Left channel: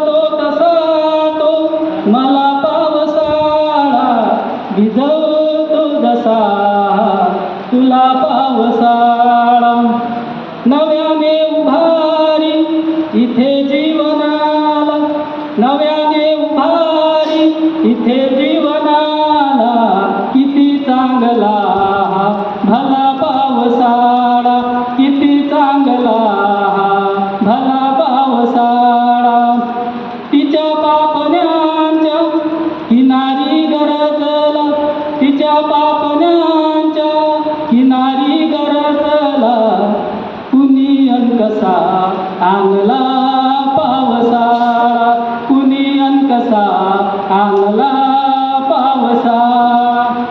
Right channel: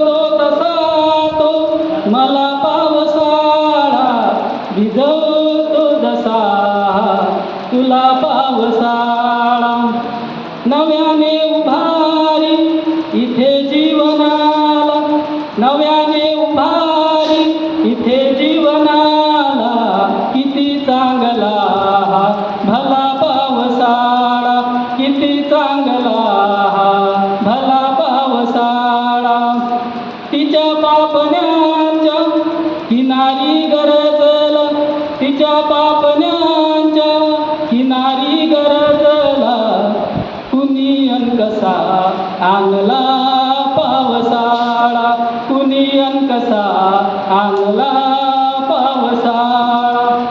तसा तो मला पावसाळा भिजवतो जसा तुला पावसाळा. नव्याने उभारी इथे जीवनाला, नव्याने उभारी इथे जीवनाला. किती चांगला भला पावसाळा, किती चांगला भला पावसाळा. तिच्या पापण्यांच्या किनारी गरजला, तिच्या पापण्यांच्या किनारी गरजला. कुणी अन कसा आणला पावसाळा, कुणी अन कसा आणला पावसाळा.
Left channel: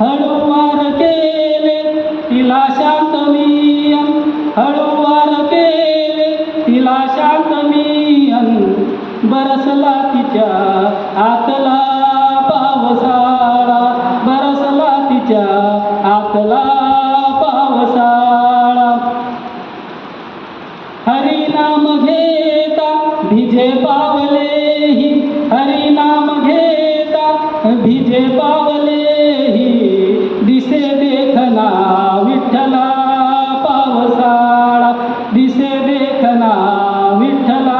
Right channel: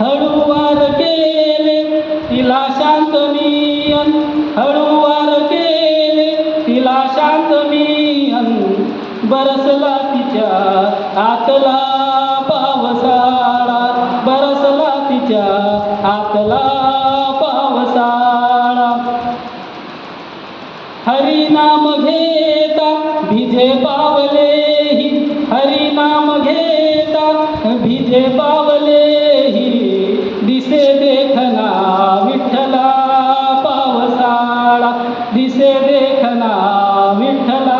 हळूवार केले तिला शांत मियन, हळूवार केले तिला शांत मियन. बरसला तिच्या आतला पावसाळा, बरसला तिच्या आतला पावसाळा. हरिनाम घेता भिजे पावलेही, हरिनाम घेता भिजे पावलेही. दिसे देखना विठ्ठला पावसाळा, दिसे देखना विठ्ठला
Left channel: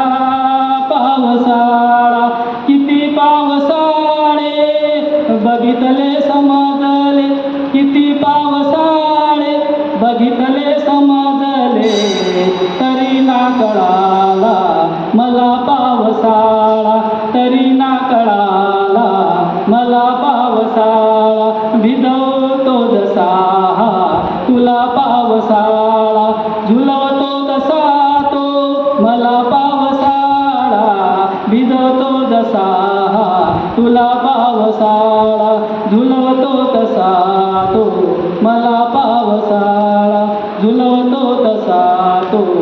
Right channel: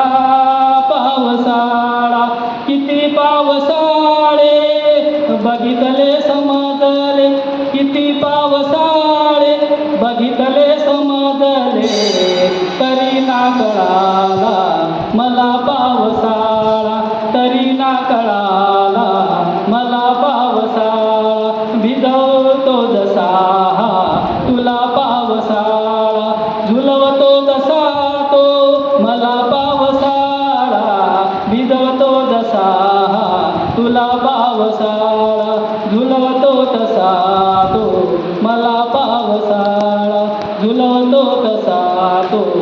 पावसाळा. किती पावसाळे बघितले समजले, किती पावसाळे बघितले समजले. तरी ना कळाला मला पावसाळा, तरी ना कळाला मला पावसाळा. भिजवतो जसा तुला पावसाळा, झुलवतो जसा तो मला पावसाळा. भिजवतो जसा तुला पावसाळा, झुलवतो तसा तो मला पावसाळा, झुलवतो तसा तो